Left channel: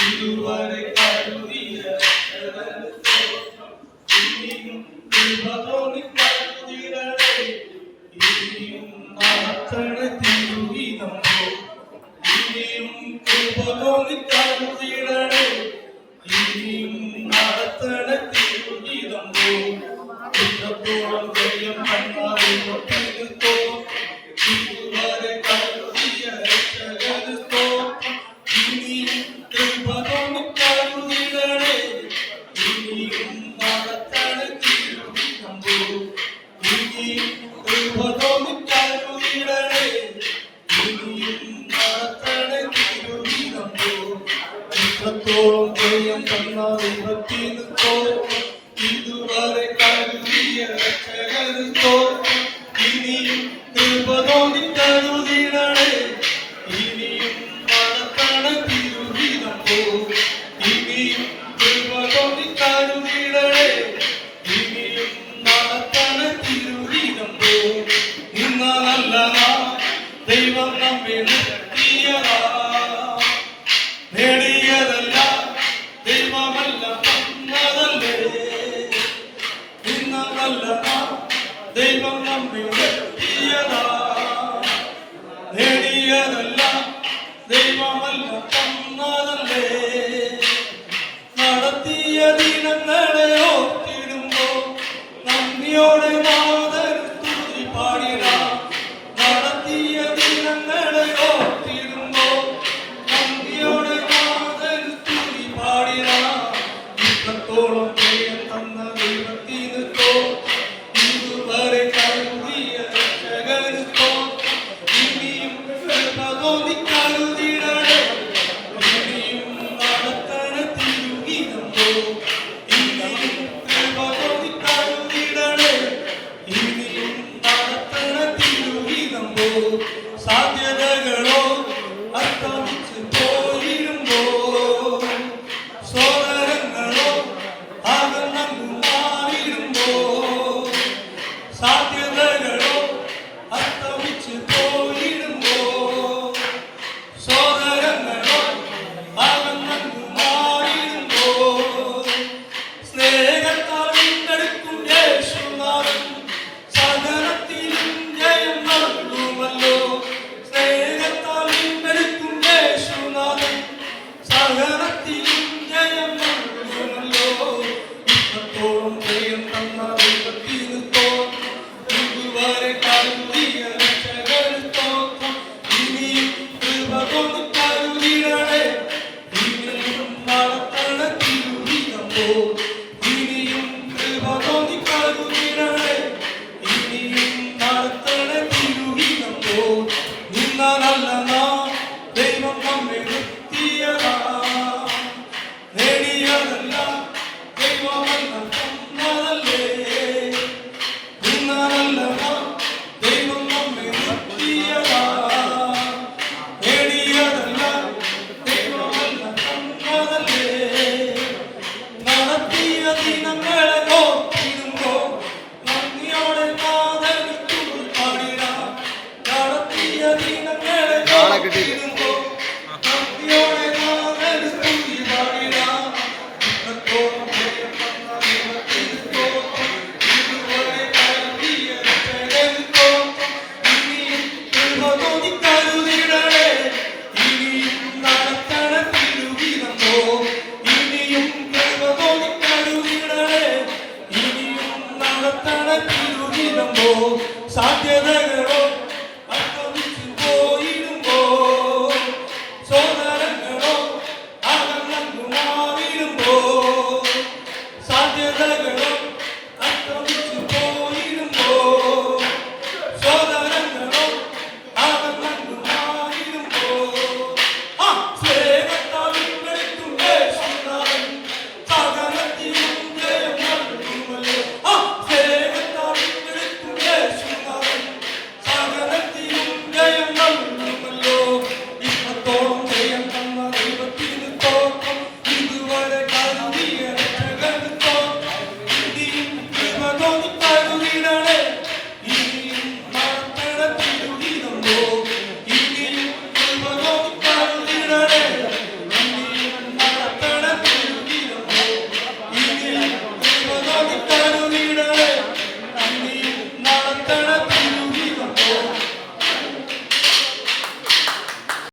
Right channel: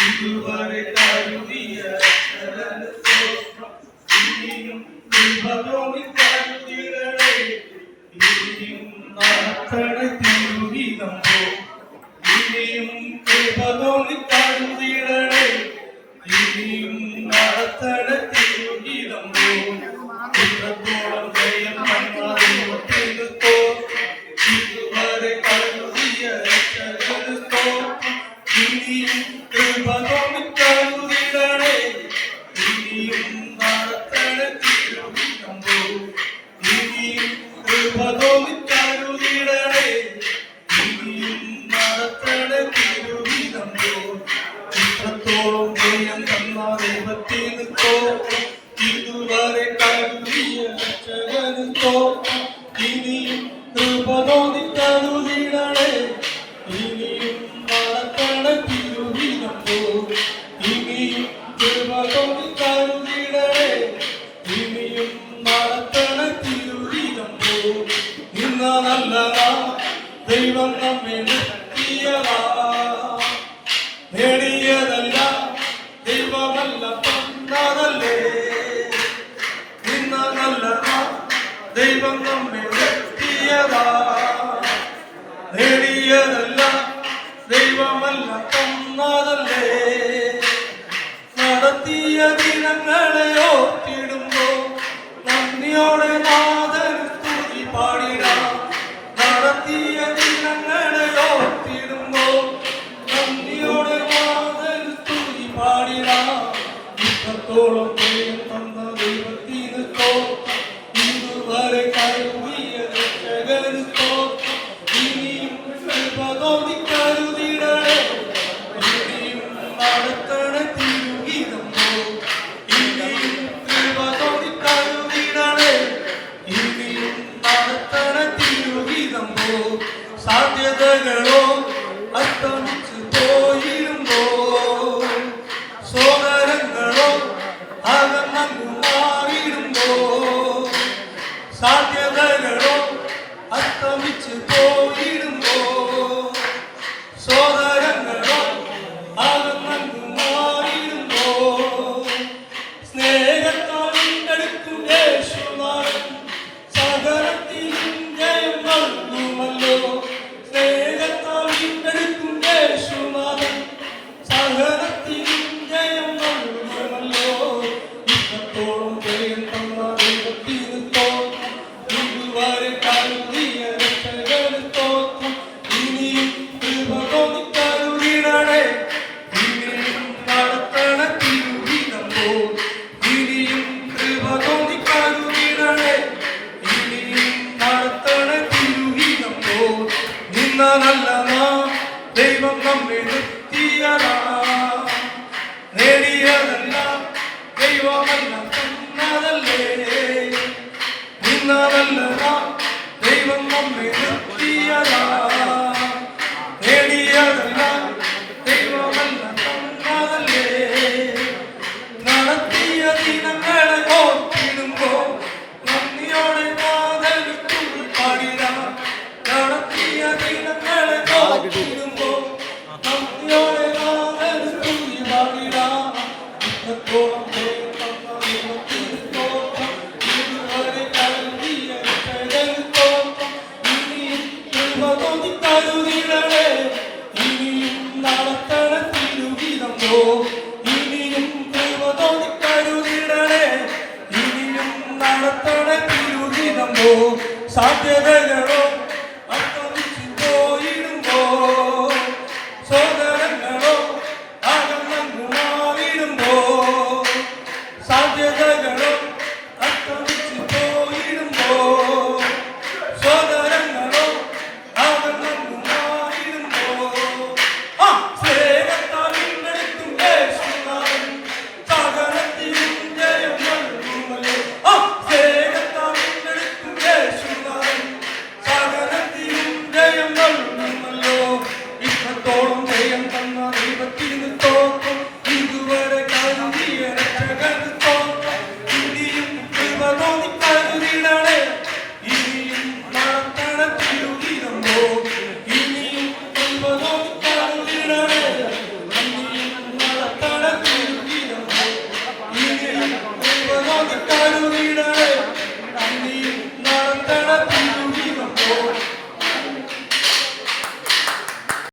ഇതുവരെ കരുതിയ ഇനിയും കരുതിടേ ഇനിയും നടത്തണ തിരുവിതമ്പോ ഇനിയും കരുതിടേ ഇനിയും നടത്തണ തിരുവിതമ്പോ ഇത്രത്തോളം ജയം വന്നാലോ ഇതുവരെ കരുതിയ ഇനിയും കരുതിടേ ഇനിയും നടത്തണ തിരുവിതമ്പോ ഇനിയും കരുതിടേ ഇനിയും നടത്തണ തിരുവിതമ്പോ ഇത്രത്തോളം ജയം തന്ന ദൈവത്തിനോ ഇതുവരെ കരുതിയ രക്ഷകനോ ഇനിയും കരുതിടേ ഇനിയും നടത്തണ തിരുവിതമ്പോ ഇനിയും കരുതിടേ ഇനിയും നടത്തണ തിരുവിതമ്പോ ഇന്നല്ല ദൈവം നമ്മെ നിർത്തിയതാ നേടിയതല്ല ദൈവമല്ല തന്നതല്ലേ ഇന്നല്ല ദൈവം നമ്മെ നിർത്തിയതാ നേടിയതല്ല ദൈവമല്ല തന്നതല്ലേ നടത്തിയ ദിനങ്ങളെ ഓർത്തിടുമ്പോ നന്ദിയോടെ നാഥൻ സ്തുതി പാടിടാം നടത്തിയ ദിനങ്ങളെ ഓർത്തിടുമ്പോ നന്ദിയോടെ നാഥൻ സ്തുതി പാടിടാം ഇത്രത്തോളം ജയം തന്ന ദൈവത്തിനോ ഇതുവരെ കരുതിയ രക്ഷകനോ ഇനിയും കരുതിടേ ഇനിയും നടത്തണ തിരുവിതമ്പോ ഇനിയും കരുതിടേ ഇനിയും നടത്തണ തിരുവിതമ്പോ സാധ്യതകളോ അസ്തമിച്ചു പോയിരുമ്പോ സോദരങ്ങളോ അകന്നു മാറിടുമ്പോ സാധ്യതകളോ അസ്തമിച്ചു പോയിരുമ്പോ സോദരങ്ങളോ അകന്നു മാറിടുമ്പോ സ്നേഹത്താൽ വീണ്ടെടുക്കും യേശുനാഥൻ സകലത്തിലും ജയം നൽകുമല്ലോ സ്നേഹത്താൽ വീണ്ടെടുക്കും യേശുനാഥൻ സകലത്തിലും ജയം നൽകുമല്ലോ ഇത്രത്തോളം ജയം തന്ന ദൈവത്തിനോ ഇതുവരെ കരുതിയ രക്ഷകനോ ഇനിയും കരുതിടേ ഇനിയും നടത്തണ തിരുവിതമ്പോ ഇനിയും കരുതിടേ ഇനിയും നടത്തണ തിരുവിതമ്പോ നിന്നല്ല ദൈവം നമ്മെ നിർത്തിയതാ നേടിയതല്ല ദൈവമല്ല തന്നതല്ലേ നിന്നല്ല ദൈവം നമ്മെ നിർത്തിയതാ നേടിയതല്ല ദൈവമല്ല തന്നതല്ലേ നടത്തിയ ദിനങ്ങളെ ഓർത്തിടുമ്പോ നന്ദിയോടെ നാഥന് സ്തുതി പാടിടാം നടത്തിയ ദിനങ്ങളെ ഓർത്തിടുമ്പോ നന്ദിയോടെ നാഥന് സ്തുതി പാടിടാം ഇത്രത്തോളം ജയം തന്ന ദൈവത്തിനോ ഇതുവരെ കരുതിയ രക്ഷകനോ ഇനിയും കരുതിടേ ഇനിയും നടത്തണ തിരുവിതമ്പോ ഇനിയും കരുതിടേ ഇനിയും നടത്തണ തിരുവിതമ്പോ സാധ്യതകളോ